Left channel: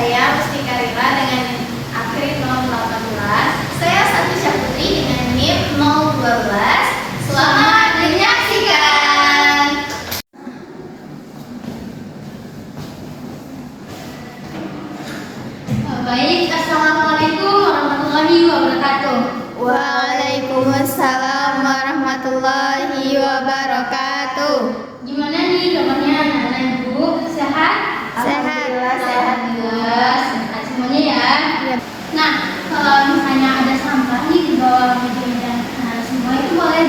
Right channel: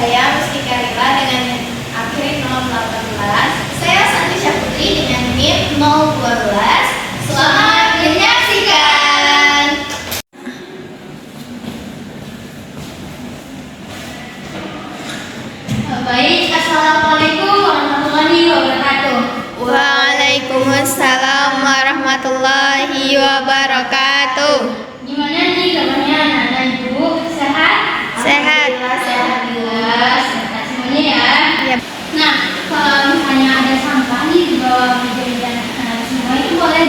Saya Mustika Rila dengan NIM Akri 018. Saya Santi Syaputri dengan NIM 012. Selamat menyaksikan. Baik, Assalamualaikum warahmatullahi wabarakatuh. Waalaikumsalam warahmatullahi wabarakatuh. Gimana nih kabarnya anak-anak ibu? Sehat? Sehat. Alhamdulillah, sehat semuanya ya. Yap. Nah, kalau misalnya ada sampah nih di bawah meja dan semua itu boleh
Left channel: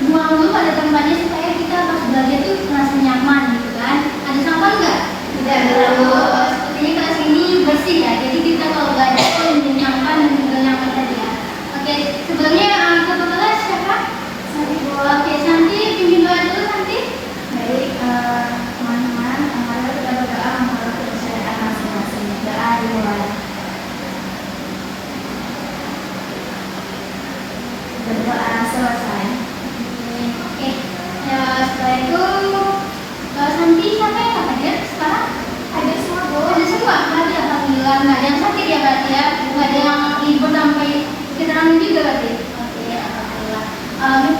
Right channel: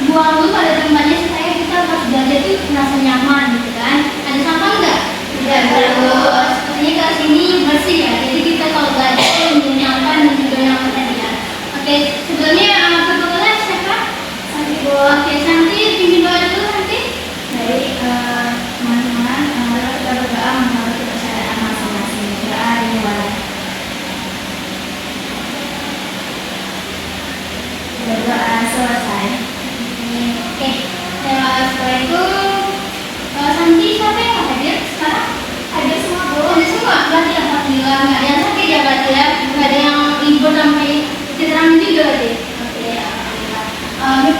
dibuang dulu pada tempatnya supaya kita pas belajar itu merasa nyaman gitu kan. Ada sampah enggak? Tidak ada. Sepertinya kelas ini bersih ya. Jadi kita kalau belajar itu nyaman dan juga nyaman tadi ya. Oke, sebelumnya ketua kelas siapa? Santi dulu. Oke, Santi pimpin doa dulu Santi. Baik, teman-teman, mari kita berdoa menurut kepercayaan masing-masing. Doa dimulai. Berdoa selesai. Oke, setelah itu Santi siapa yang hadir sekarang? Hadir semua bu. Hadir semua, berarti alhamdulillah nggak ada yang sakit ya berarti ya, nggak ada yang libur sampai cedera juga berarti. Oke, alhamdulillah.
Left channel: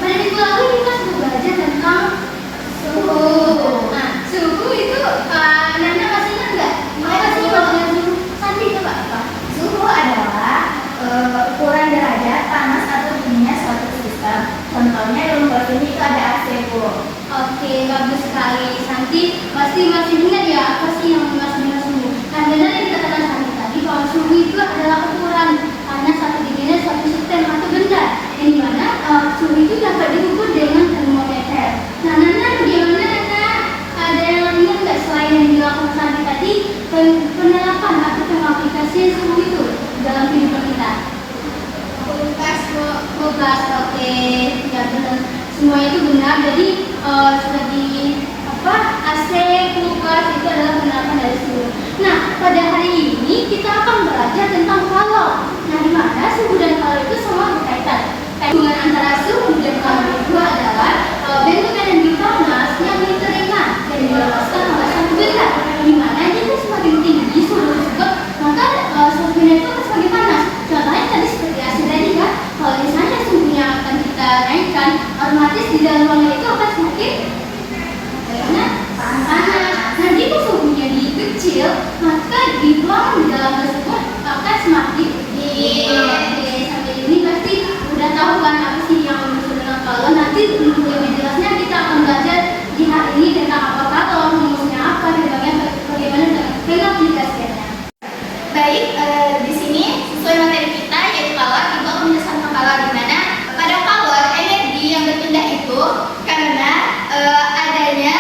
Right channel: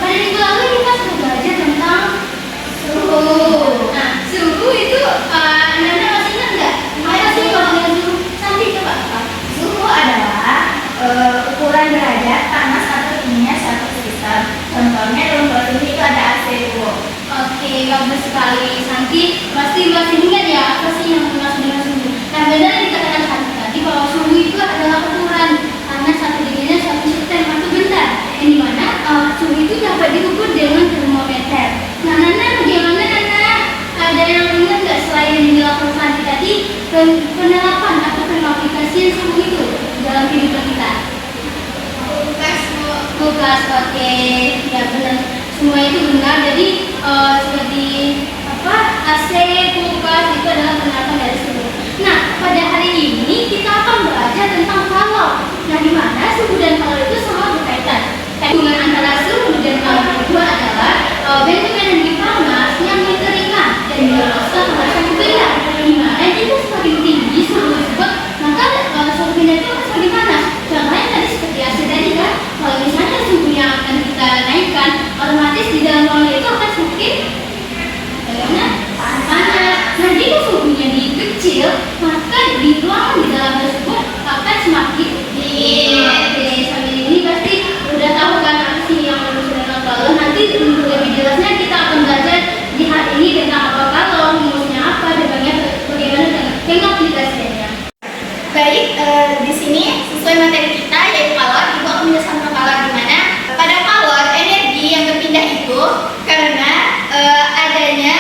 Pada minggu lalu kita sudah belajar tentang suhu. Nah, suhu itu anak-anak masih ingat nggak? Apa sih kalau suhu? Santi coba apa? Suhu adalah ukuran derajat panas atau dinginnya suatu sistem. Contohnya dalam kelas ini itu ada AC, Bu. Oke, bagus sekali. Santi pasti masih ingat ya apa sih yang dimaksud dengan suhu. Nah, benar yang dikatakan Santi tadi bahwa suhu itu adalah ukuran panas atau dinginnya suatu sistem atau benda yang dimana suhu itu dapat diukur dengan termometer. Nah, Nana bagaimana Nana? Ada yang ingat nggak selain yang dilakukan Santi tadi penerapan atau pengaplikasian suhu itu dalam kehidupan kita? Kulkas, oke, ya benar. Semua itu benar. Jadi seperti apa AC, kulkas itu adalah penerapan dari suhu. Nah, pada hari ini kita akan belajar tentang kalor. Nah, di mana suhu dan kalor itu sama berkaitan. Hubungan antara suhu dan kalor itu adalah bentuk energi panas yang diterima dan dilepaskan oleh satu benda. Di mana jika semakin tinggi suhu tersebut, maka suatu benda itu akan semakin panas. Contohnya tadi seperti AC tadi kan. Kalau misalnya suhunya akan kita naikkan, otomatis di dalam ruangan itu akan semakin panas. Nah, jika suhunya dikecil, maka di ruangan di dalam tersebut akan semakin dingin. Oke, sampai ini pasti udah tahu kan apa sih yang sudah kalau nanti untuk lebih jelasnya kita akan belajar di hari ini tentang apa kalor, rumusnya apa, dan bagaimana pengaplikasiannya. Baik, di sini sesuai materi kita yaitu kalor, Ibu akan menjelaskan tentang kalor di mana pada kalor energi yang berpindah itu karena adanya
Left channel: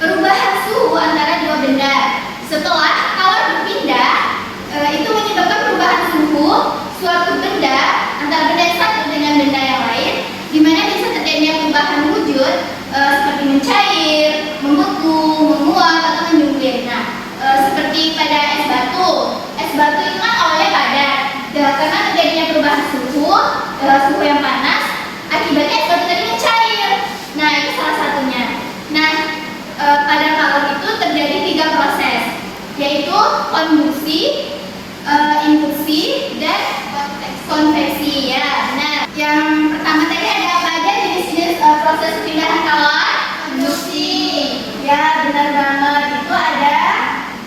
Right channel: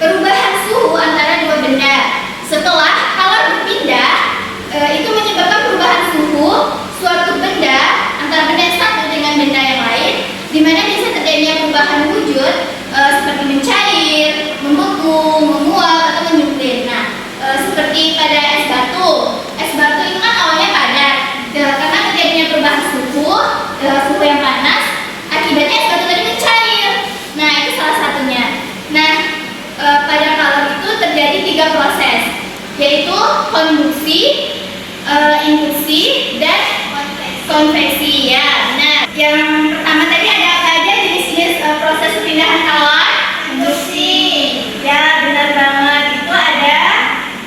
perubahan suhu antara dua benda. Setelah kalor berpindah, itu menyebabkan perubahan suhu suatu benda antara benda yang satu dengan benda yang lain, di mana bisa terjadinya perubahan wujud seperti mencair, membeku, menguap atau menyempil. Nah, seperti pada es batu. Es batu itu kan awalnya padat, karena terjadinya perubahan suhu yang panas, akibatnya es batu tadi mencair. Nah, itu salah satunya. Nah, pada kalor itu terjadi 3 proses, yaitu konduksi, induksi, dan konveksi. Ya, nah, yang pertama tadi ada apa aja jenis-jenis proses perpindahan kalor? Induksi. Ya, benar banget. Itu ada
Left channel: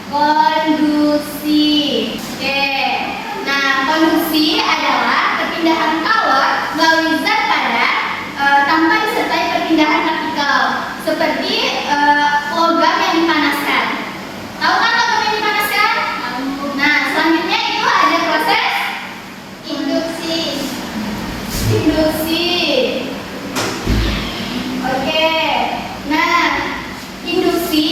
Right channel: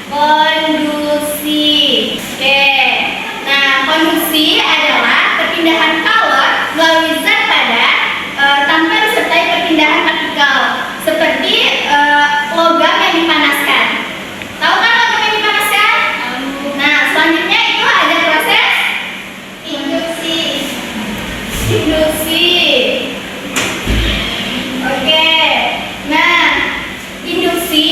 konduksi. Oke. Nah, konduksi adalah perpindahan kalor melalui zat padat tanpa disertai perpindahan partikel, seperti logam yang dipanaskan. Tahu kan logam yang dipanaskan? Nah, selanjutnya itu ada proses induksi. Induksi. Oke. Nah, induksi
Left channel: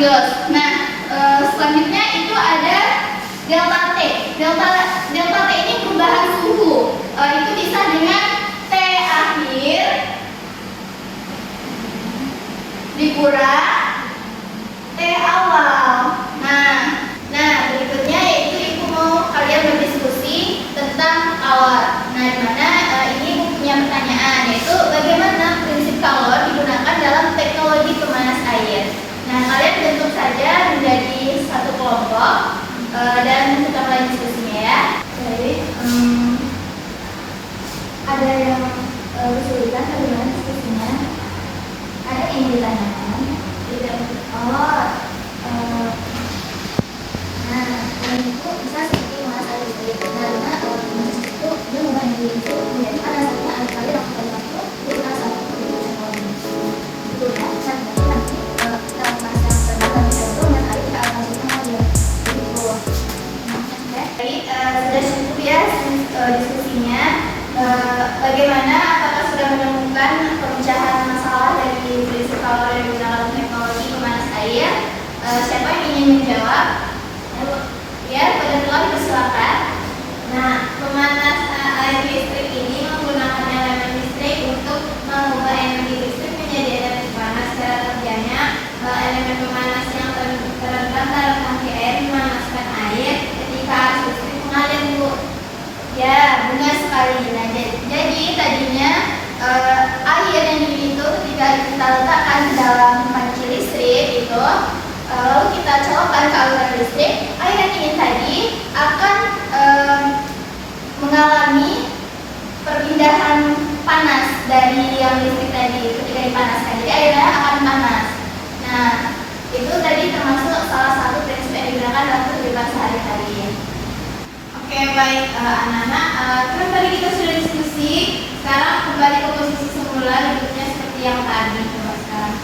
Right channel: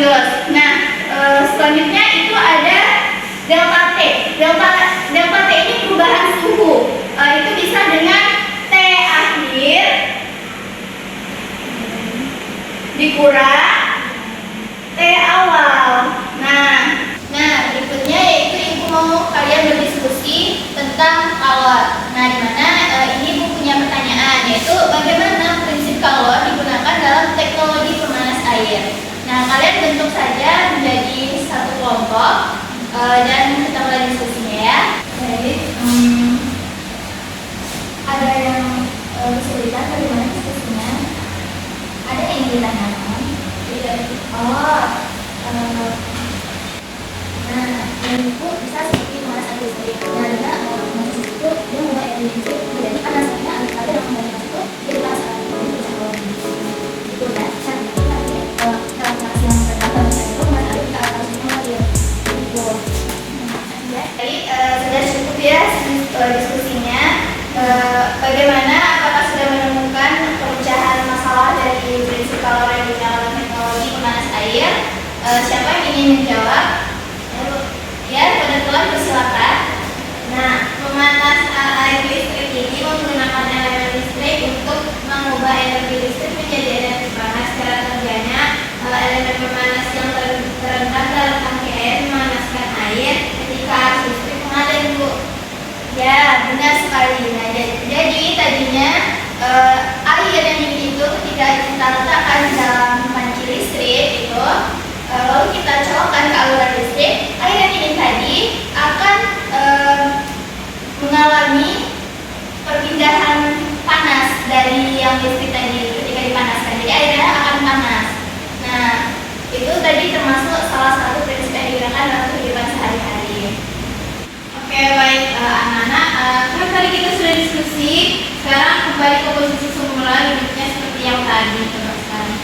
jelas. Nah, selanjutnya itu ada delta T. Delta T ini perubahan suhu. Itu bisa dengan T akhir dikurang T awal. Nah, berikutnya yaitu ibu mau kalian berdiskusi tentang kalor. Nah, dimana ini ibu punya pertanyaan, yaitu bagaimana prinsip kalor digunakan dalam teknologi pemanas air. Nah, kalian bentuk saja menjadi satu kelompok dan kita mulai diskusinya ya. Jadi ada yang bisa dilihat bagaimana diskusinya. Ada yang ditanyakan. Tidak. Nah, ini itu bisa seperti panas atau listrik. Nah, dengan awal panas itu dia membuat listrik. Jadi panasnya air air yang panas itu kita satu bisa bawah. Itu kan nanti dalam fase yang pertama itu menarik ke atas semua ya. Itu. Baik, sudah cukup ya diskusinya. Bagaimana? Apakah sudah menemukan pemecahan masalah dari prinsip kalor yang digunakan dalam teknologi pemanas air? Siapa yang ingin menjawab? Ya, pada telah silakan. Nah, pemanas air listrik ini menggunakan elemen listrik untuk mengubah energi listrik menjadi energi panas. Cara kerjanya, elemen pemanas yang terendam dalam tangki air memanaskan air ketika arus listrik mengalir, Bu. Ya, benar sekali. Nah, jadi tadinya air yang dingin itu ketika kita letakkan dalam panci listrik itu, lalu kita colokkan ke aliran listrik, air yang dingin tadi akan mengalami perpindahan panas dari yang listrik tadi ketika dipanaskan. Jadi airnya akan panas. Nah, itu tadi termasuk salah satu prinsip yang digunakan dalam kehidupan sehari-hari. Oke, baik anak-anak, kan tadi kita sudah diskusi. Sekarang kembali ke posisi semula, bentuknya seperti yang tadi. Coba sekarang.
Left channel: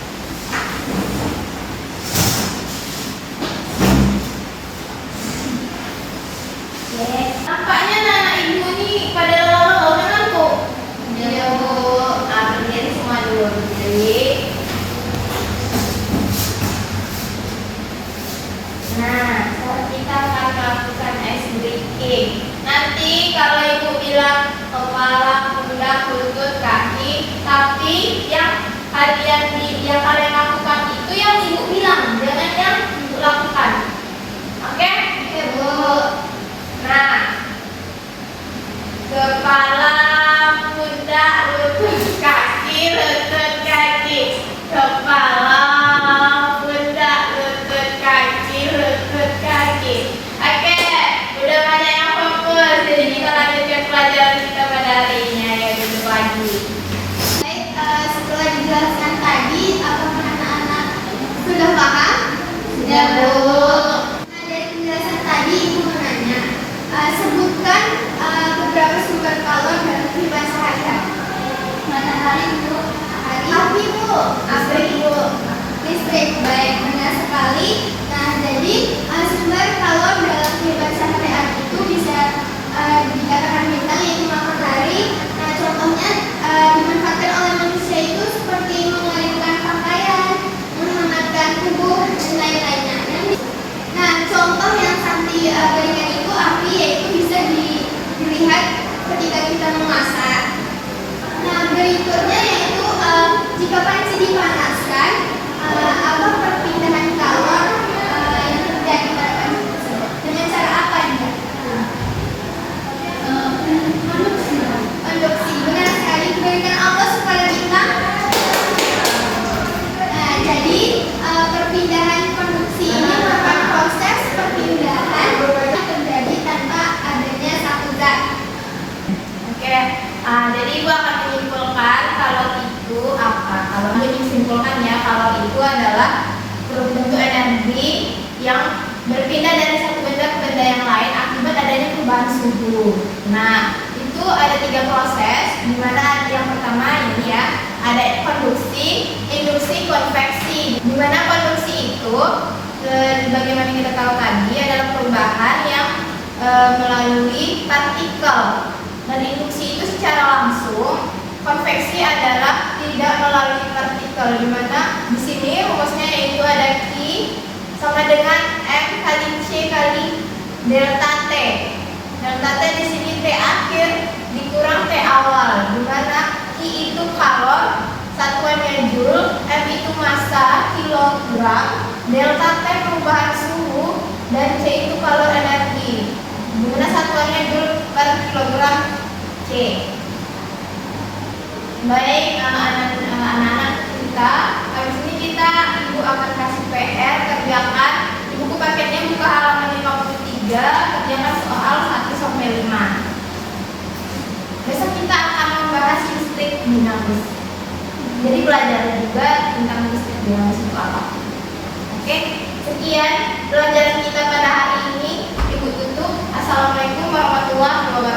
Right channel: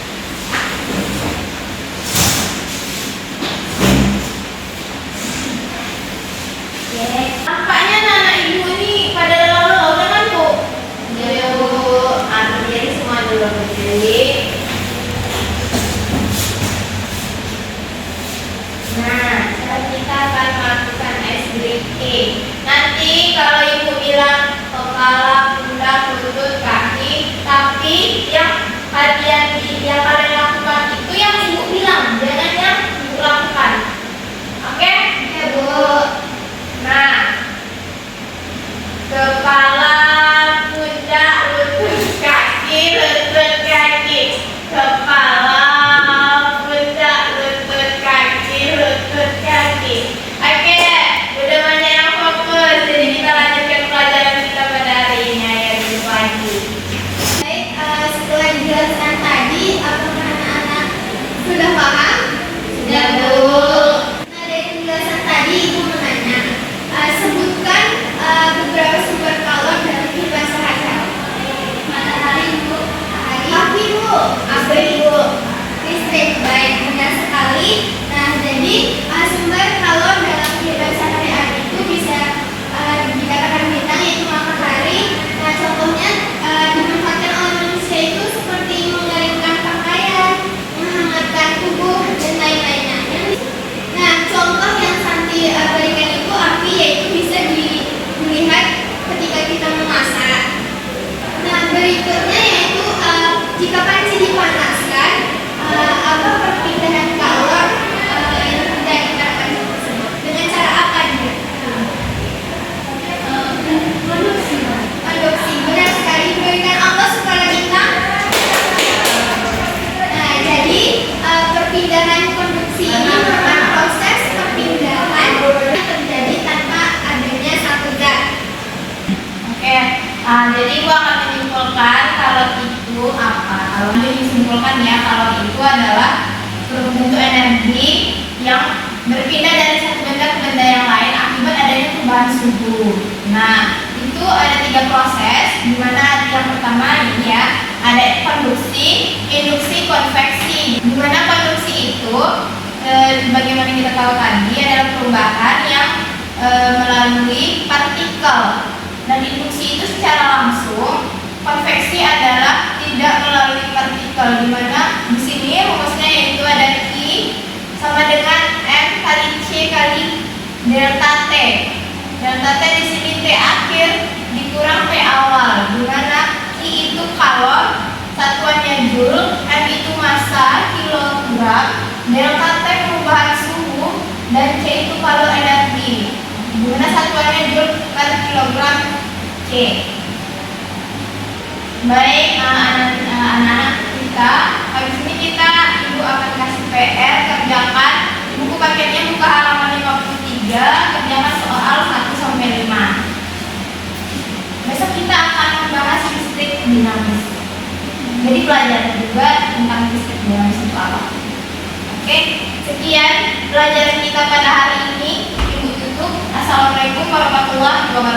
Nampaknya anak ibu ini pada lalu kan Bu? Ya Bu. Nah, berdiri semua dulu berdiri. Nah, sekarang kita akan melakukan ice breaking. Nanti kalau ibu bilang kepala, pundak, lutut, kaki, tapi yang kalian lakukan itu yang ibu bilang, jangan yang ibu lakukan. Oke? Ya Bu. Nah, kepala, pundak, lutut, kaki, kepala, pundak, lutut, kaki. Oke, udah banyak yang fokus, jadi kita lanjutkan pelajaran kita pada hari ini ya, di pagi. Baik, setelah dijelaskan tadi, apakah anak-anak sudah paham? Sudah, Bu. Nah, dari penjelasan tadi, ibu menanya, sebutkan beberapa sumber kalor dari kehidupan sehari-hari. Matahari, Bu. Api, Bu. Listrik. Baik, benar sekali. Nah, jadi sumber kalor dalam kehidupan sehari-hari itu bisa dikatakan bintang, yaitu matahari. Nah, contohnya dimanfaatkan oleh manusia itu seperti mengeringkan pakaian, menghangatkan tubuh, dan lain-lainnya. Nah, contoh yang Santi berikan itu api, yaitu bisa dilihat ketika kita memasak. Nah, berikutnya yaitu jika panci dipanaskan, apa perpindahan kalor yang terjadi pada panci tersebut? Dengan cara apa nih? Konduksi. Benar sekali. Berikan Allah supaya bintang. Nah, jadi perpindahan konduksi ini merupakan proses perpindahan yang terjadi tanpa adanya satu zat. Oke, jadi ibu akan menyimpulkan kalau itu apa? Kalau ibu disimpulkan ya, kalau itu adalah bentuk energi yang berpindah dari satu benda ke benda yang lain akibat adanya perubahan suhu. Nah, itu ada 3 proses, di mana yang pertama ini ya, ada konduksi, induksi, konveksi. Di mana konduksi itu bagaimana kita tahu tadi adalah perubahan yang melalui partikel, dan induksi itu secara langsung. Konveksi adalah tidak melalui partikel, di mana di sini rumusnya yaitu ada Q sama dengan M kali C kali delta T. Delta T di sini T akhir dikurang T awal, di mana Q itu kalor, satuannya joule, M itu massa, kilogram, delta T perubahan suhu, dan C itu kalor energi, di mana satuannya joule per kilogram C. Baik, anak-anak kita, habis ini ibu akan kasih PR, kerjakan. Buku paketnya buka halaman 53, kerjakan soal 1-5. Besok kita akan membahas listrik dinamis. Jadi belajar juga tentang listrik dinamis itu apa. Oke, sekian pelajaran kita pada hari ini. Ibu tutup. Assalamualaikum warahmatullahi wabarakatuh.